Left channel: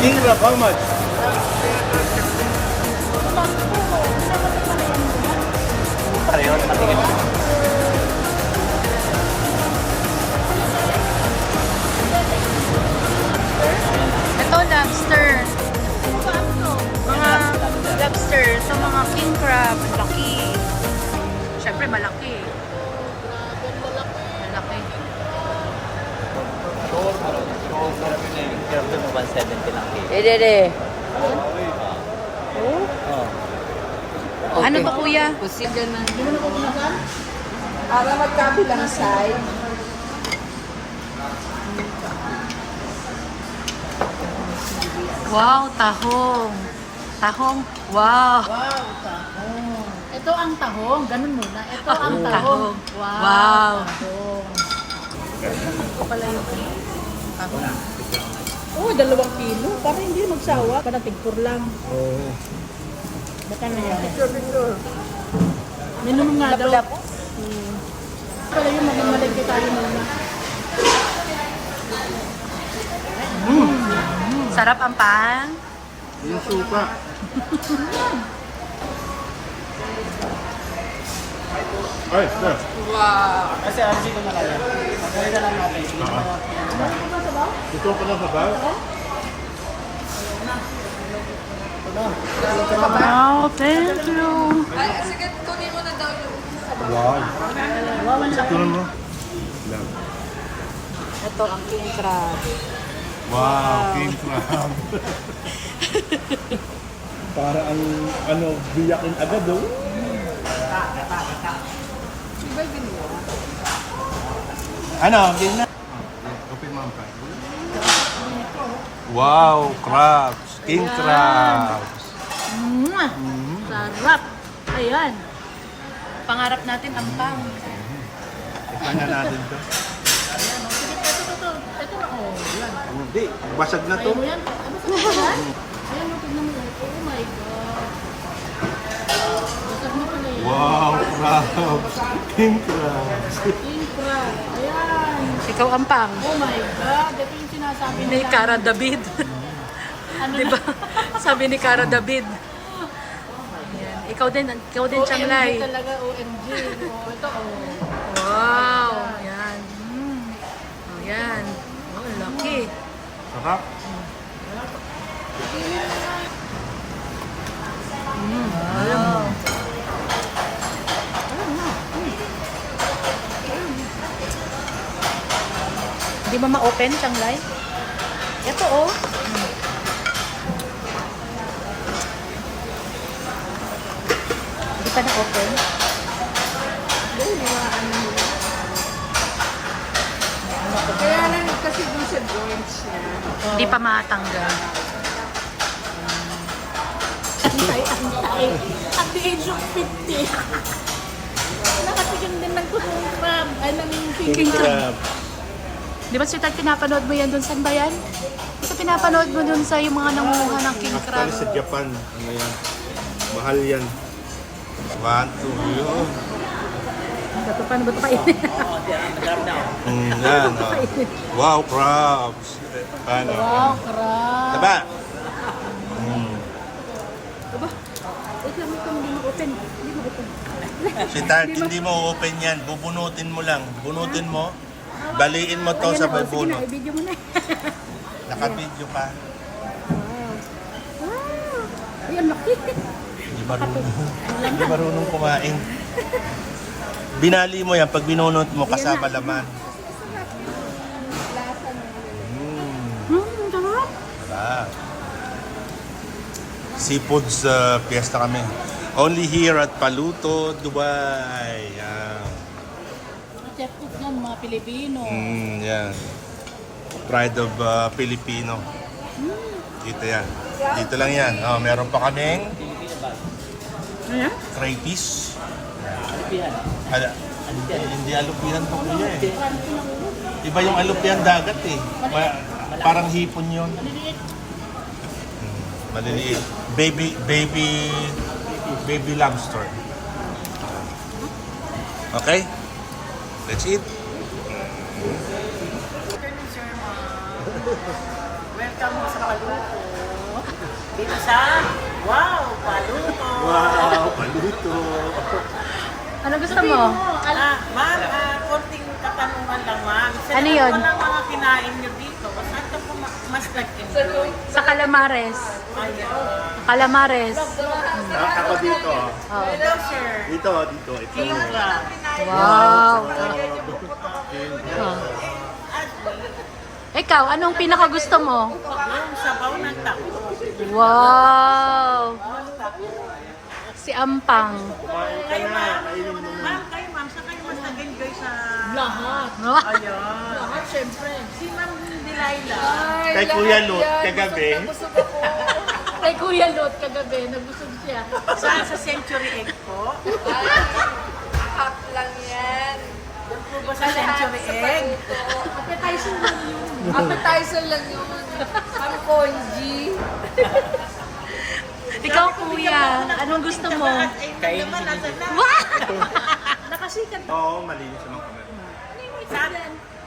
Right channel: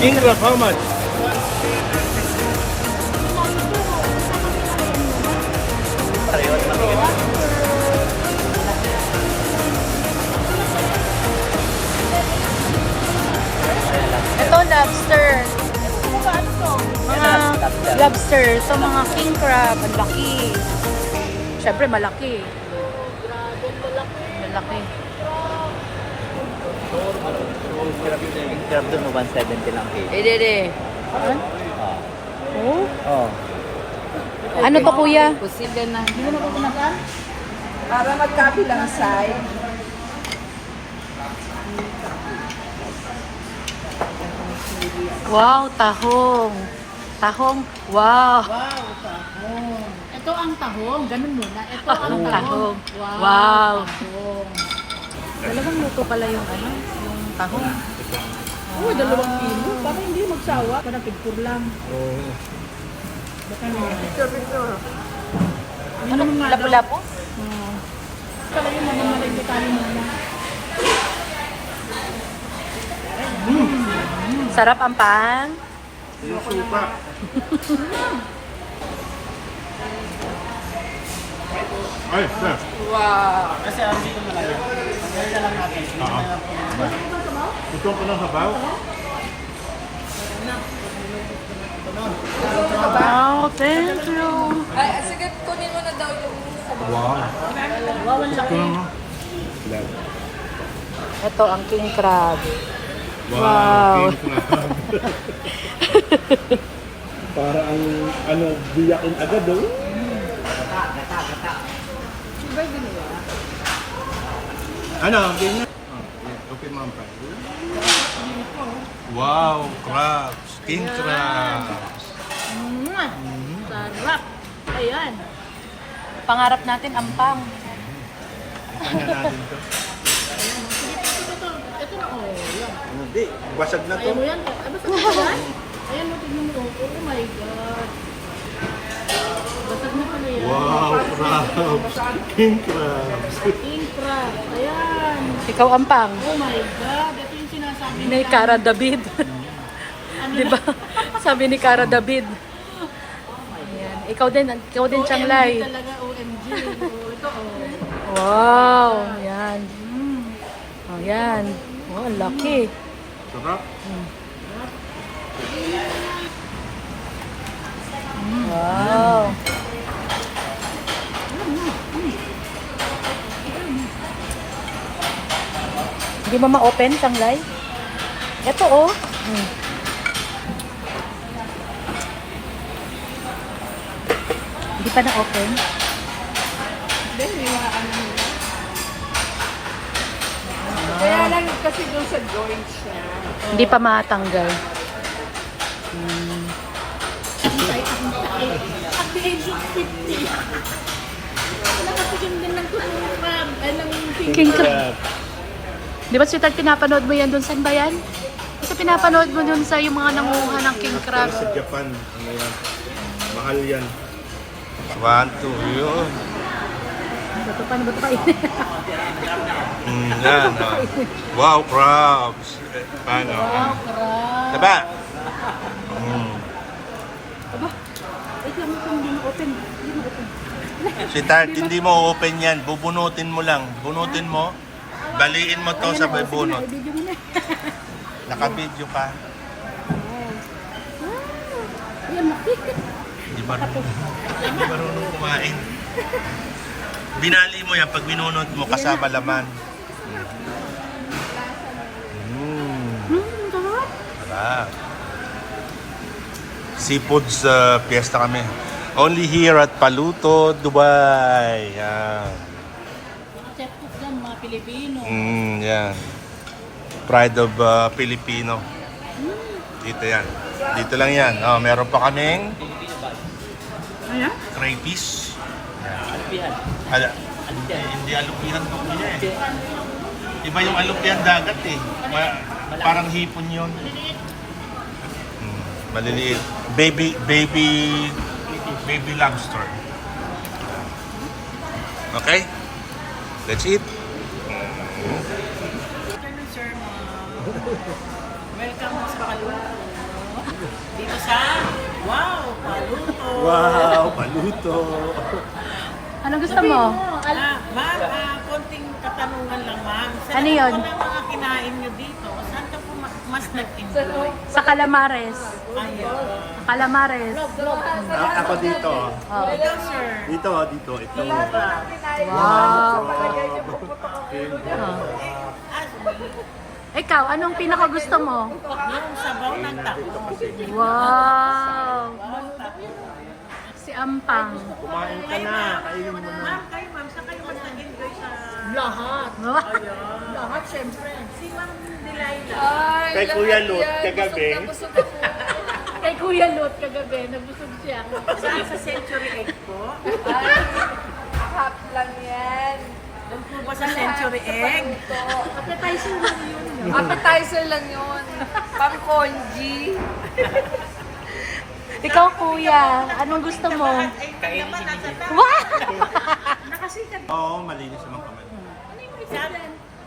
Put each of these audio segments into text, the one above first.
King crab, how much? Ito, lobster. Mga lobster. So, mga king crab. Ang laki. Siyempre, malaki. Malaki. Dede. Ano to, kuya? Hindi mo na pupunasan? Para magkapi lang sa... Wow, tahong. Tahong. Wow. Wow, tahong. Ito ang tahong. Ganun muna. Ito ang Ang tahong. tahong. Wow. Tahong. Talagang luto pala yung ano? Yung tahong. Uy, 2 kilo. Parang hindi magsawa. Parang tigpur lang. Baka na yan. Yun yung nga daw. Lapu-lapu? Pala yung magmamaligay tayo mo. Sarap ang pan. Yung suka. Ay, sir. Kasi ang dito na kayo. Magdali na lang natin. Gusto ko lang sabaw? Wow, thank you. Wow. Ito, no? Love. Ito ang king crab. Wow. Wow. King crab. Para ang, ano, biyakin agad, oh. Ano, ganyan? Open mo ang pan. Wow, crabs. King crabs. Sarap. Ayan. Pangarap natin ang pang. Kanya natin to. Ito, oh, yan. Hindi, basag na to. Ayaw mo yan? Basta mo yan? Ayan, tignan mo. Oh my God. Basag na pala yan. Wow, crabs. King crabs. King crab. Ayan. Ikaw ang pang. Oh my God. Ito yung sinasabi Ni Cara David. Di ba? Sabi ni Cara David. Ayan. Ikaw din Changlay. Talaga OMG. Oh, ito. Wow. Ayan. Ayan. Oh, ang laki. Sarap. Wow. Hindi ba ma-open, Changlay? Ito, oh. Hindi pa na-open. Hindi, ano nila. Kaya lang kasi doon sa joints niya. Hindi pa matanggal. Antay. At the age of 50. Nakatigyan din ng kusong crab. Ay, ng King crab. Di ba, sweetheart, pinapanood mo yan doon? Saan ba yan? Kasi pinapanood mo doon sa yung mga nanguha ng king crab. Para sa Japan, ano yan? Mahal yan. 1, 2, yun. Ito, paano ba ito kainin? Yan, wow, crabs. Paano? wow, crab. Diba? Wait lang, hindi mo open. Hindi mo open. Si Tart, hindi mo open yan. Bubunutin mo lang. Bunutin mo. Baliin mo to sa may bunot. Sige na, i-video mo na. Naka-video ka. Wow. Ayan, makikit. Hindi marunong kumain. Binali mo yan pag binunot mo kasama laman. Sarap. Sarap. Seafoods fiesta kami. Only here at Paluto, Dubai. Yan. Mga chef cook yan, mga Pilipino. Yan. Pride of Filipino. Dito yan. Dito lang yan. Oh, meron pa kaming Ayan. crayfish. Yan. Hindi alupian to kuya eh. Iba yung alupian dagat eh. Parang hipon yun. Maliliit. Baby lobster. Okay? Let's eat. Sir, welcome sa Paluto. Dito sa, wow, paluto. paluto. Ano gusto mo? Ma'am, konting katanungan lang, ma'am. Sa Ano yun? ng mga kinain nyo dito, saan ka po mas nag-enjoy? Sa Calamares. Ayun. Sa Calamares. Ako dito. Oo. Hello, sir. Dito. Ito. Kinga. Wow. Oh. Ikaw, anong pinaka gusto mo? Yung sabaw ng tako. Wow. Si Ampang. Kayo, ma'am. Kayo, ma'am. Saan kayo mas nag-enjoy sa... Lahat. Ayun. Lahat, syempre. Si Ma'am Delilah. Kay Kuya Lut, kagabi. Kay Kuya Lut, kagabi, nabusog siya. Saan sa Century Egg po? Hap lang yan. Doon po ba sa Century Egg? Appetizer lang yun. Pang-congee. Ikaw, Kuya, anong gusto mo? Ay, naman, nasa na. Wow! Nakasikat. Oo, malinis naman kami. Saan?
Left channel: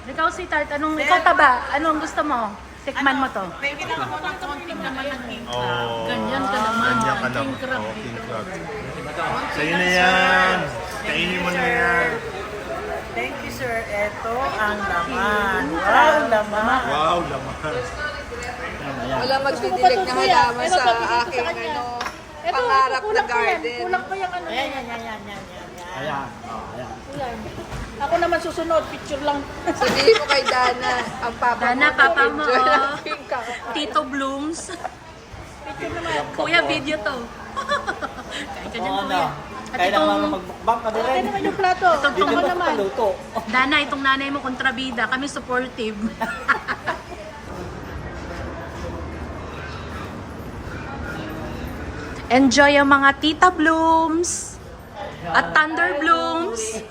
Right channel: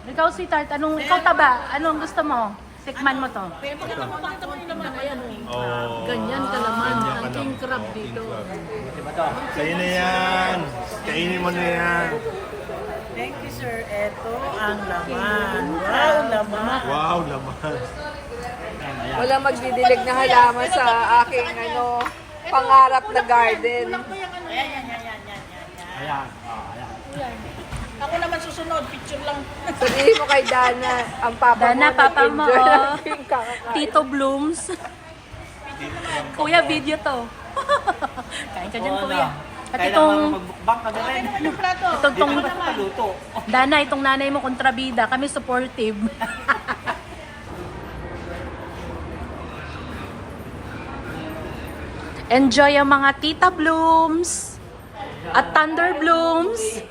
Ikaw, sweetheart, ikaw taba, anong gusto mo? Tikman mo to. May ginawa mo ng konting naman. Oo. Ganyan ka naman. Ganyan ka naman. Oo, king crab. Sa'yo na yan. Kainin mo na yan. Thank you, sir. Ito ang laman. Wow, laman. Wow, laman. Wala magdidilig na halaman sa aking pangarap na garden. Ayan. Ayan. Ako naman susunod, picture lang. Sabihin mo kay Dana, ang papa Dana, mo. papa mo, enjoy oh. ang pink cup. Tito Blooms. Kuya, video to. Kain ka dyan, Kuya. At Kailangan itong, mag-bookbank ka na rin. itong, Dito ba paluto? Dana, itong nanay mo kontrabida. Kami supportive. Enjoy ang mga Tita Blooms at Thunder Blooms.